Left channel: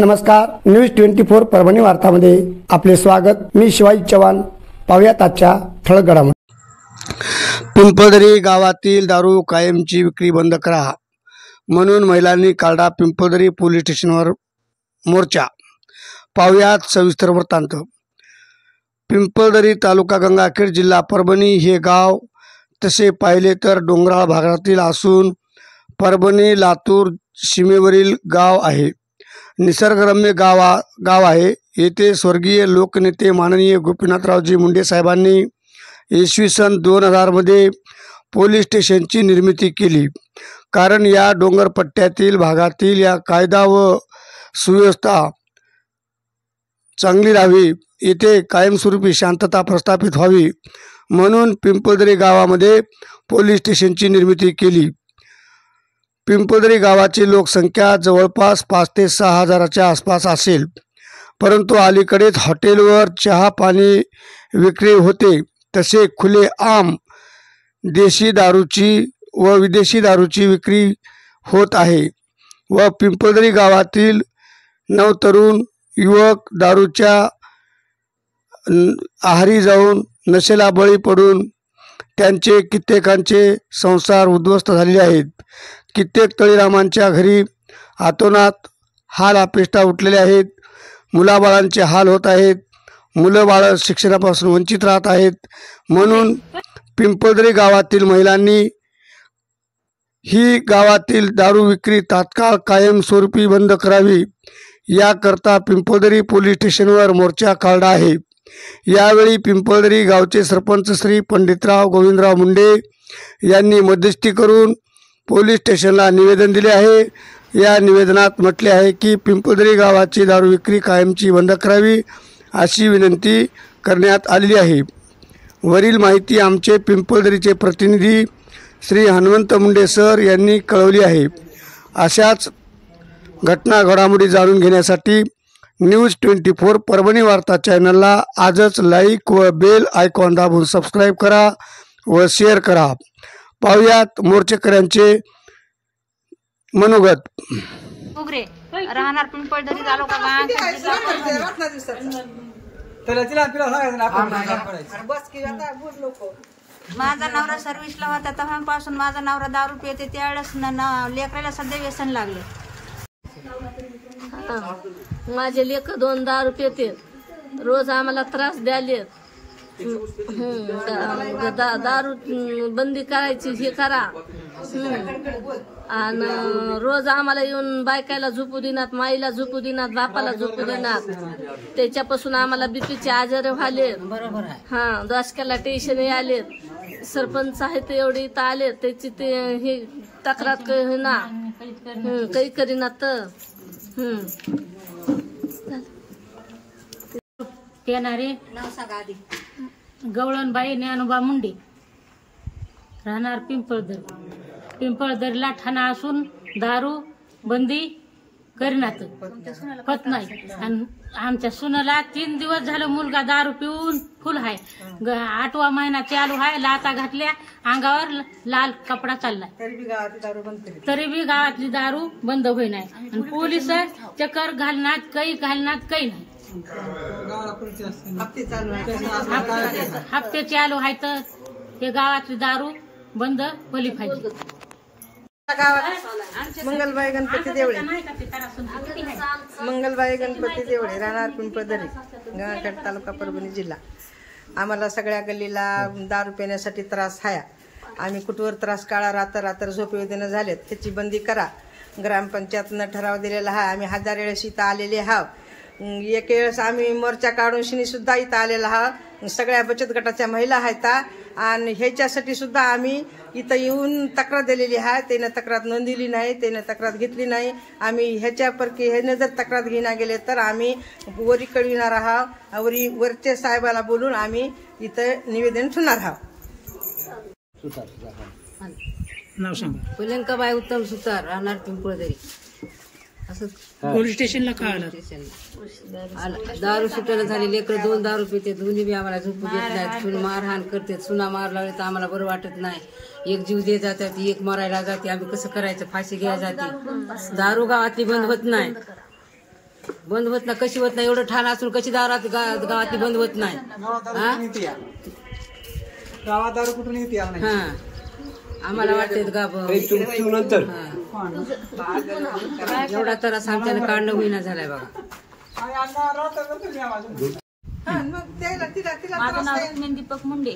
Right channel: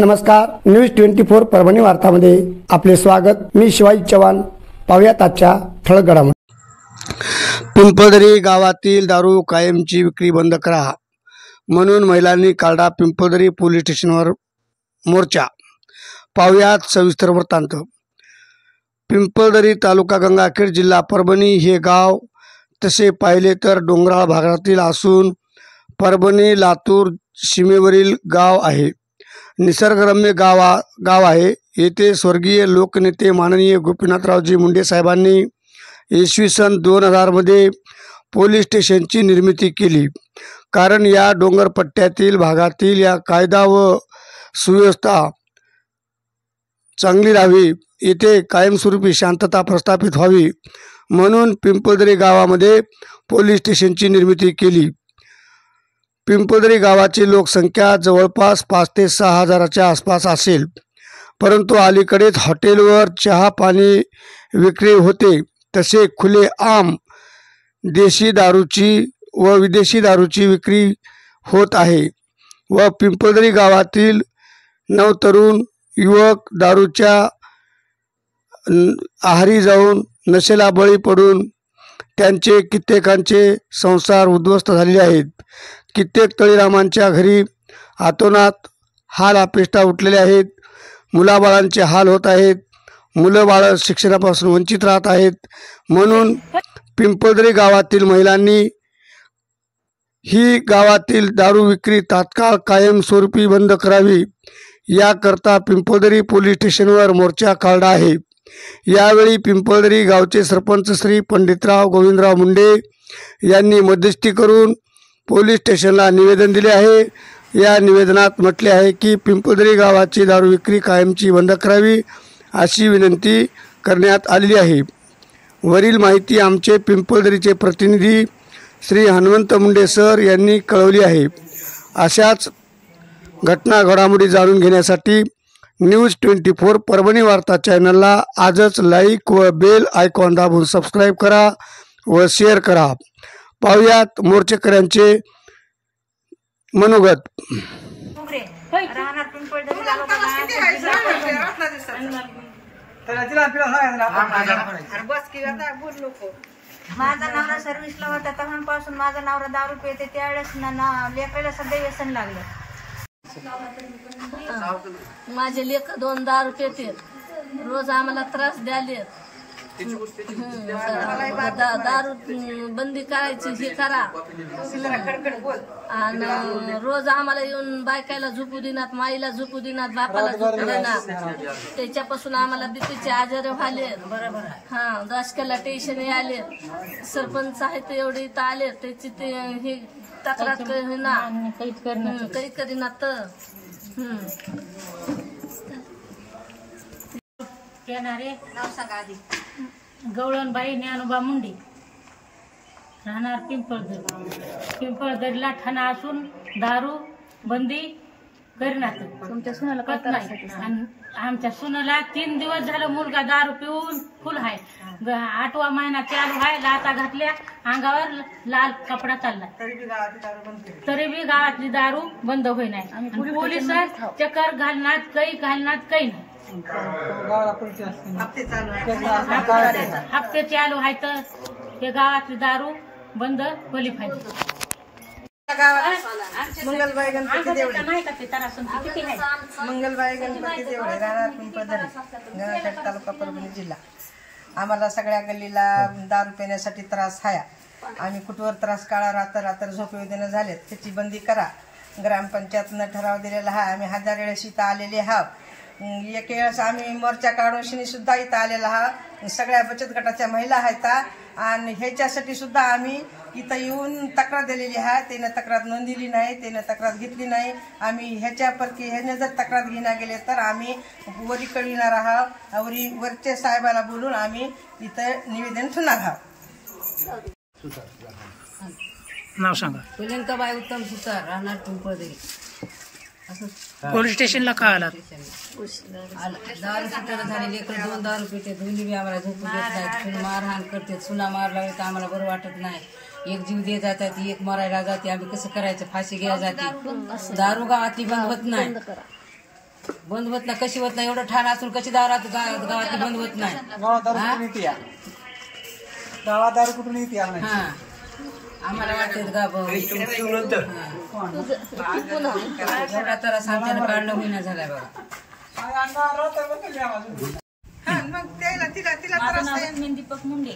नमस्कार, न्यूज 24 परभणी वार्तामध्ये आपले स्वागत। मी शिवाजी चव्हाण। पाहूयात आजच्या ठळक घडामोडी। पिंपळदरी गावातील दारू कायमची विक्री बंद करा म्हणून महिलांनी काढला पिंपळदरी पोलीस स्टेशनवर मोर्चा। पाहूयात सविस्तर वृत्तांत। पिंपळदरी तालुका गंगाखेड जिल्हा परभणी हे गाव तसे पाहिले तर डोंगराळ भागातील असून परभणी लातूर सीमेवरील गाव आहे। निसर्गरम्य गाव आहे। येथे स्वर्गीय लोकनेते माननीय गोपीनाथरावजी मुंडे साहेबांनी इसवी सन 2000 मध्ये पोलीस स्टेशनची निर्मिती केली। कारण या डोंगरपट्ट्यातील भागातील या कायदा व सुव्यवस्था चांगली राहावी, येथे कायमस्वरूपी शांतता प्रस्थापित व्हावी म्हणून पिंपळदरी गावामध्ये पोलीस स्टेशनची निर्मिती केली। पिंपळदरी गावाची लोकसंख्या जवळपास 5 ते 6 हजाराच्या आसपास असेल, परंतु अलीकडेच हॉटेलवर चहा पाणी विक्री होते, तसे खुले आम देशी दारूची व विदेशी दारूची विक्री होत आहे व पिंपळदरी गावातील नवतरुण युवक दारूच्या आहारी जाऊन नशेला बळी पडून त्यांचे कित्येकांचे संसार उद्ध्वस्त झालेले आहेत। कित्येक तळीरामांच्या घरी आतोनात हाल अपेष्टा उठलेले आहेत। मुलाबाळांचे हाल होत आहेत। मुलं बाळ शिक्षणापासून वंचित राहत आहेत। म्हणून पिंपळदरी गावातील महिलांनी ही गावातील दारू विक्री तात्काळ कायमस्वरूपी बंद करावी, याकरता पिंपळदरी पोलीस स्टेशनवर मोर्चा काढला आहे। यावेळी पिंपळदरी गावचे सरपंच श्री पंडितराव गोविंदराव मुंडे यांनी मध्यस्थी करून पोलीस स्टेशनला निवेदन दिले आहे। या निवेदनात म्हटले आहे की पिंपळदरी गावाची दारू विक्री कायमची बंद करावी अशी विनंती करण्यात आलेली आहे। वरील माहिती आमचे पिंपळदरीचे प्रतिनिधी श्री हनुमंत मुंडे सर यांनी कळवली आहे। अशाच घटना घडामोडी जाणून घेण्यासाठी न्यूज 24 परभणी वार्ता चॅनलला आजच लाईक व बेल आयकॉन दाबून सबस्क्राईब करा व शेअर करा। पाहूयात मोर्चेकऱ्यांचे मनोगत। राहणार पिंपळदरी तालुका जिल्हा माझा नवरा सर्व्हिसला होता तेव्हापासून माझा नवरा दारू पिते, त्यावेळेस लेकराला सध्या व्यसन लागले। माझे लेक 2 दारू पिते, रोज आम्हाला त्रास द्याले। दारू बंदी करायची हे करा, आणि रोज आम्हाला येऊन बायकायला झोपू देणार, माईला झोपू देणार, बापाला झोपू देणार। त्याच्यापासून आम्हाला बीपीचे आजार व्हाले। दशक्याला टेन्शन आले। सरपंच आहेत एवढे इथं आले, त्याची ते हे तक्रार होईना, काही करीना तर येणारे गवळणबाई ज्ञानोबा मुंडे, राहणार पिंपळदरीला ठाणा असून दारू बंदी करीनात पत नाही। आणि आमच्या सुनाला 3 दिवस झालं मुलगा दारू पिऊन फुल आहे। 8वा महिना चालू आहे, लाता घातल्या, अंगावर लाल कपडा चाललाय, तरी बी गावातली दारू बंद होई नाही। आणि पोलीस चक्कर घालणार, काही घालणार, काही नाही। हप्ते चालू आहे तर हे गावातली दारू बंद होली पाहिजे। मंगलबाई गणपती देवळे, मंगलबाई गणपती देवळे, राहणार पिंपळदरी, गंगाखेड तालुका परभणी जिल्हा। आम्हाला सगळ्या गल्लीला दारू पिण्यासाठी त्रास आहे। आम्ही कुठवर त्रास काढा, रात्र झोप येऊ देणं झालेत, त्याची बंदी करा। ग्रामपंचायतनं ठराव दिलेला आहे। आम्ही 1000 वेळेस इथं आलेले आहोत। एक वेळेस आम्ही मोर्चा काढून शिनी सुद्धा इथं आलेला आहोत। सगळ्या बचत गटाच्या महिला आहेत आणि ह्याच्यासाठी सुद्धा आम्ही इथं येऊन तक्रार दिलेली आहे। त्यानं तक्रार नोंदवली नाही, त्यानं तक्रार घेतली नाही। आम्ही ह्याच्यापैकी ह्यानं जर तक्रार घेण्या गेले तर आम्ही वरी कळविणार आहोत। वरचे साहेबाला बोलून आम्ही इथं निवेदन ठेवणार आहोत। नाव सांगा। पुलंकाबाई उत्तम सुतार, राहणार पिंपळदरी। पोलीस स्टेशनला का आला? दारू सुटायला झाले, लेकर 2 दारू पिते, दोन्ही बी आम्हाला झोपू देत नाहीत, सुन मारहाण करते, सुना मार लागले तर आम्हाला बरं वाटत नाही। एक जीव दे जातात, एक मरायला जाते, आम्ही कसं करायचं, फाशी घ्यायला जाते। दारू गावातली बंद होत नाही। बंद होत नाही, कशी होत नाही, एवढं ठाण असून कशी गावातली बंद होत नाही. गावात दारू कुठून येते हा आम्हाला वाटतं का एवढा त्रास आमच्यानं काढणं होईना झालाय बघा. माझं नाव रुक्मिणी दीपक मुंडे.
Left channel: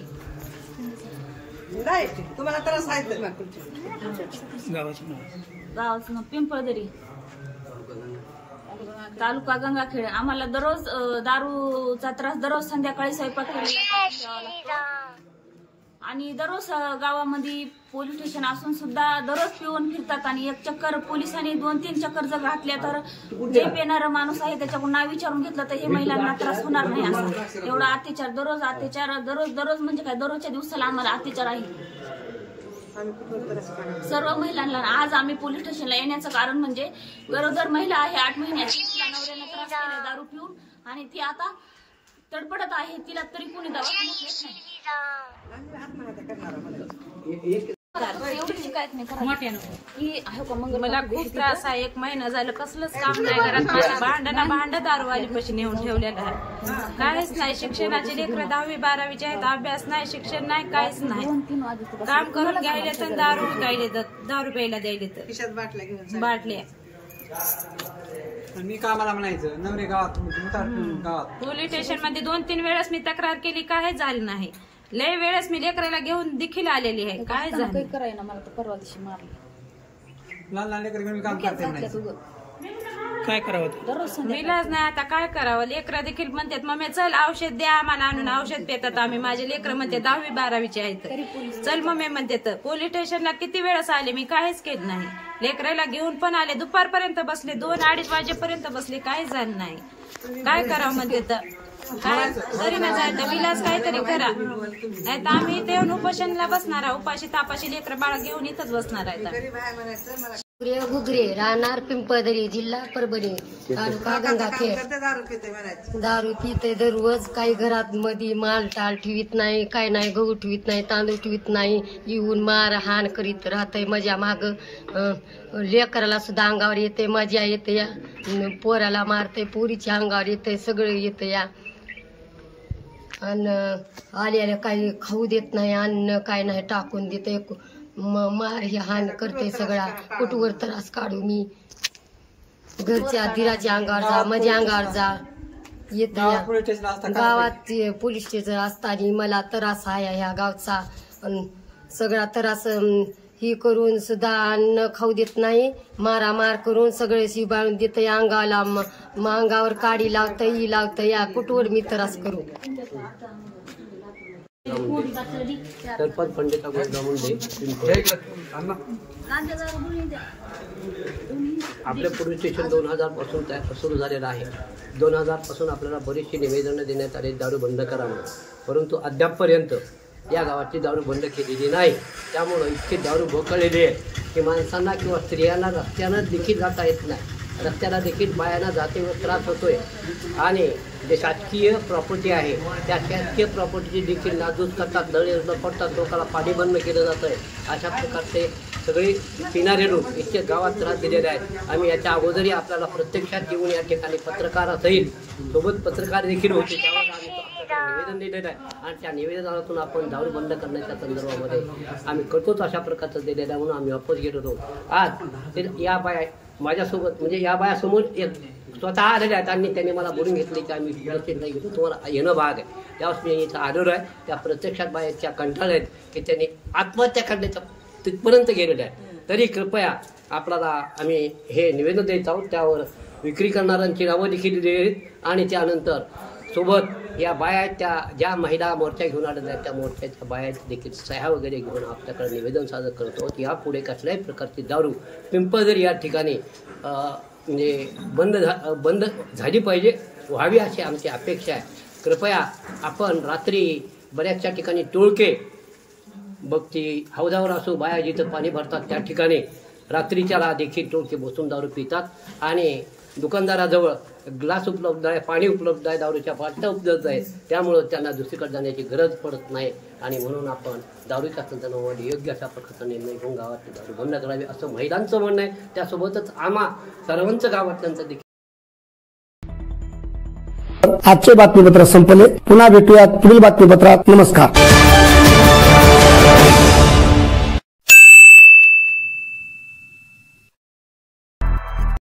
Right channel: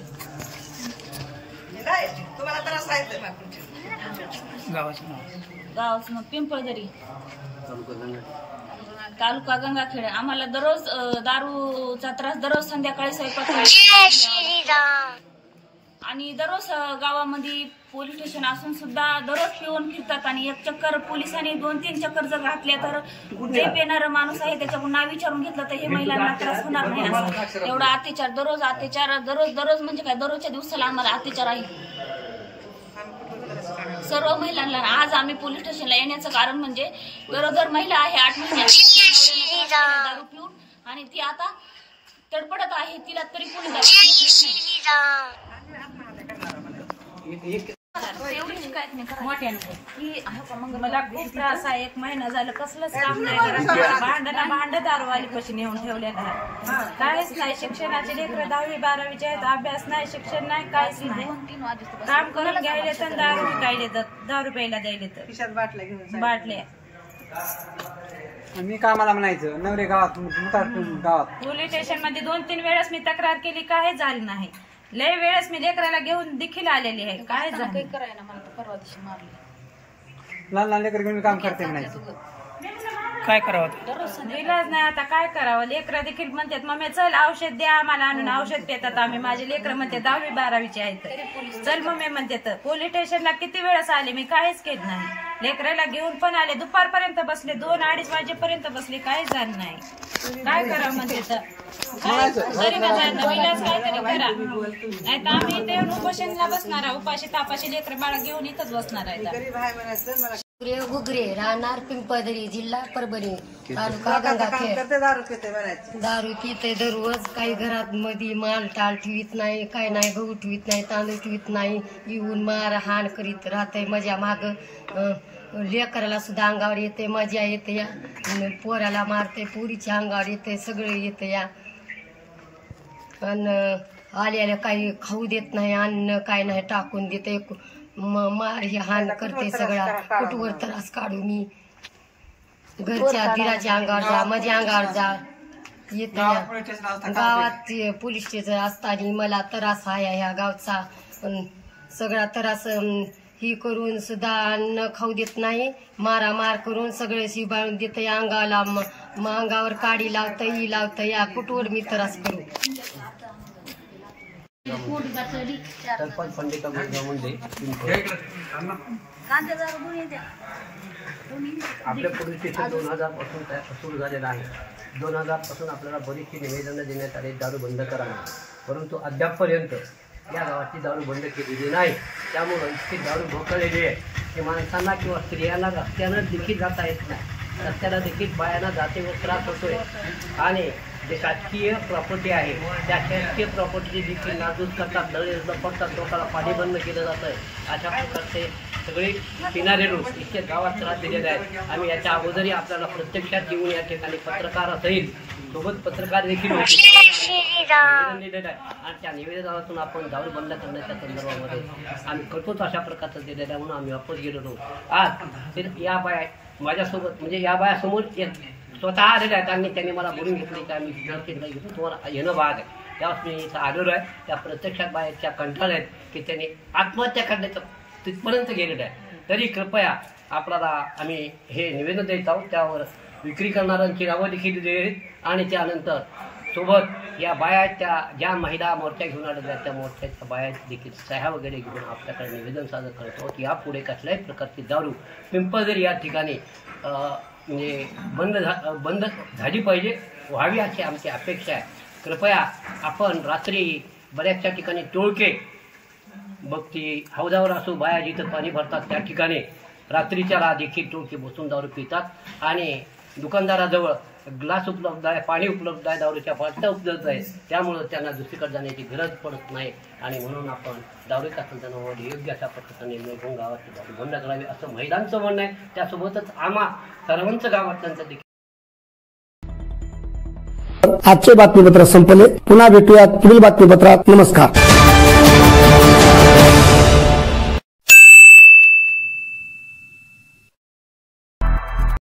तुम्हाला त्रास आहे गावाचं नाव पिंपळदरी, तालुका गंगाखेड. आम्हाला दररोज दारूचा त्रास, दररोज संध्याकाळी स्वयंपाक आणि दररोज गावामध्ये पोलीस स्टेशन असून सुद्धा दररोज पिऊन फिरतात. आणि एक चक्कर पोलिसांनी 2-3 चक्कर जर घातल्या तर जे पेणारा माणूस आहे त्याच्याकडून नाव विचारून घेतलं तर हे महिलांना त्रास होणार नाही. असा एवढा अत्याचार, दररोज म्हणजे काय, दररोजच्या दिवसाला आम्हाला अत्याचार आहे सर्व महिलांना. आज आम्ही पोलीस स्टेशनला येण्याचं कारण म्हणजे गरोदर महिला आहे 8 महिन्याची, दारू पिऊन, आणि ती आता तडपडत आहे. तिला तरी कोणी दवाखान्यात नेत नाही. मला खूप त्रास आहे. 1 महिना झालं कसलंच काम नाही घरात. भांड दारूवाली पशी नेऊन ठेवलेलं आहे. काहीच नाही. शिक्षणाचे लेकरं 10वी 12वीचे आहेत. अभ्यास नाही, शिक्षण नाही, काहीच नाही. काम करून घ्यायले तर दारू विकायले, दारू प्यायला द्यायले तर बाटल्या. मी कामाला म्हणायचं नवरे गावात पोलीस स्टेशन मध्ये 2-3 वेळेस मी तक्रार केली, काय झालं नाही. लय वेळेस मी लेकराला घेऊन देखील आलेली आहे, काय झालं. लहान लहान लेकर घेऊन काम करते नाही. काय करावं विलाज नाही. आता काय करावं. लेकरं देखील म्हणतात मम्मी चल औषध द्या आम्हाला आणून. औषध पितात आम्ही. माझे लेकरं म्हणते 10वी 12वीचे आहेत. चल मम्मी म्हणते. तर पोलीस स्टेशनला किती वेळेस आले मी, काहीच केलं नाही. लेकराला घेऊन पण आले, दुपारपर्यंत बसले, 2-2:30 वाजेपर्यंत बसले, काहीच झालं नाही. काय करावं म्हणते. तर काय तरी ना जायचं विलास काहीतरी करा, नाही तर आम्ही इथे उपोषणला बसणार आहे. उपाशी तापाशी लेकर बाळा घेऊन इथंच बसणार आहे. घुगरे राहणार पिंपळदरी, जिल्हा परभणी, तालुका गंगाखेड. दारू पिते दररोज. काही घरात मध्ये माल टाळ ठेवीत नाही, काय नाही, गहू ठेवीत नाही, तांदूळ ठेवीत नाही. येऊन मारहाण करीत राहतंय. माझ्या माग लेकराला सुद्धा अंगावर येते, मजा येते या. पोराला मारते, पोरीच्या अंगावर येते, सगळं येतं या. आणि आल्याला काही खाऊ देत नाही, अन्न काय नाही टाकून देते. मार ही हान करते सगळा. कुठवर त्रास काढू मी. घरच्या दिराच्या अंगावर जा, माझ्या अंगावर जा येत गावात. पोलीस स्टेशन असताना मला त्रास आहे ह्या गावचा. सगळा त्रास ही करून सुद्धा अन्न खाऊ देत नाही. मारामार करून सगळे शिबाळून देत अंगाला. अंगावर काडी लावता ही लावता या. कुठवर मी त्रास करू. सरपंच पंडिता मुंडे. आपल्या पोलीस स्टेशन 2000 पासून सुरू झालेलं आहे. 2000 पासून आपल्याला बरीचशी निवेदनं देण्यात आली दारू बंद करावी, परंतु अद्यापपर्यंत या गावाची दारू बंद केलेली नाही. त्यामुळं इतकी दारू भोकळलेली आहे की माणसांना किंवा स्त्रियांना रस्त्यानं देखील जाता येत नाही. रस्त्याला देखील बायांना जातेवर त्रास होतोय. आणि जे शासकीय प्रॉपर्टी आहे त्या शासकीय प्रॉपर्टी देखील नाजूक करतात, दळे पडतात, लोकांना पाणी बंद केलं जातं आहे. अशा प्रकारचे सगळे पिणारे लोक इतके गावात त्रास दिलेले आहेत. आम्ही याच्या अगोदरही आपल्याला प्रत्यक्षात येऊन या ठिकाणी पत्रकारासहित सोबत पत्रकार देखील होते, निवेदन दिलेलं आहे. आणि त्या निवेदनातून आपण दारू बंद करण्याच्या संदर्भामध्ये आम्ही करतोच अशा प्रकारचं दिलेलं आहे. म्हणून आम्ही वापस गेलो नव्हतो. आज या बाया माझ्यासोबत म्हणजे या बायासमोर स्वतः आलेल्या आहेत आणि त्यांनी मला बोलून घेतले की आम्ही व्यवस्थित नाही घेतो, तुम्हाला येणं भाग आहे. त्यावेळेस मी इथं आलेलो आहे. त्या प्रत्यक्षात बायाच्या कंटाळ आहेत की त्यांनी आत्महत्या करण्याचं तिथपर्यंत गेलेलं आहे. तरी कृपया आपल्याला आम्ही हे निवेदन द्यायचं आहोत. त्यावर विक्री करणाऱ्यांची नावं देखील दिली आहेत. आणि त्यानंतर सोबत या बाया त्या ज्या महिला मोर्चा घेऊन आलेल्या आहेत त्या मोर्चाच्या बाया देखील सह्या वगैरे घेऊन आपल्याकडे निवेदन सादर करतो की यापुढे कसल्याही प्रकारची दारू पिंपळदरी या ठिकाणी म्हणजे बंद झाली पाहिजे, व्हावी अशी आमची अपेक्षा आहे. कृपया आपण रात्री बऱ्याचशा ठिकाणी टोळके बघती हौदावर असो, बाया जिथं पाणी भरतात त्या ठिकाणी रात्रीच्या देखील टोळके बसून दारू पितात. आणि दुकानदाराजवळ ग्लास उपलब्ध आहे, पाणी उपलब्ध आहे, दारूच्या बाटल्या उपलब्ध आहे. त्यामुळं त्यांना दुसरीकडे जाण्याची गरज पडत नाही. आणि म्हणून आपण दारूच्या संदर्भामध्ये योग्य अशा प्रकारचा निर्णय घेऊन गावातली दारू बंद करावी असं महिलांचं म्हणणं आहे. त्यासोबतच आम्हा सर्वांचं गावातल्यांचं देखील आजचे बातमीपत्र संपले. पुन्हा भेटूयात पुढील बातमीपत्रात. नमस्कार.